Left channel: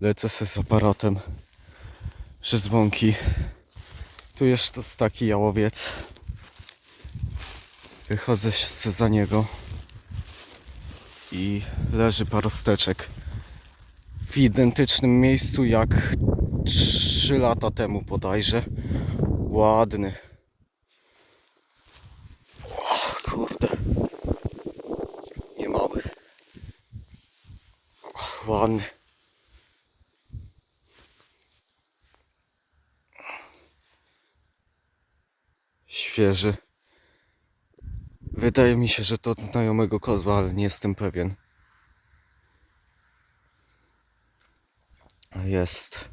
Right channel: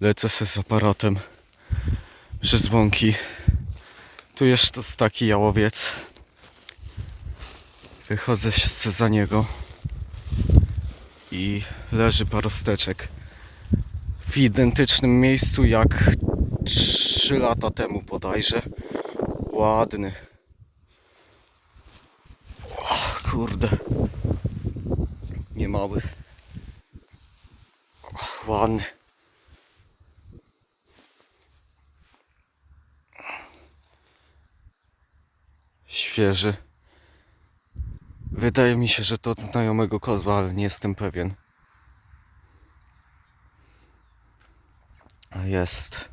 Lecę se z aparatem przez łąki. Tu jest to taki jałowiec. Wychodzę się za niego i leży parosteczek w identycznym miejscu jak 3 lata temu bodajże. Ładny. O, kurde. Nie mały. Ładny. Świeży. Wydaje mi się, że to od znajomego kozła, ale nie jestem pewien. Jest.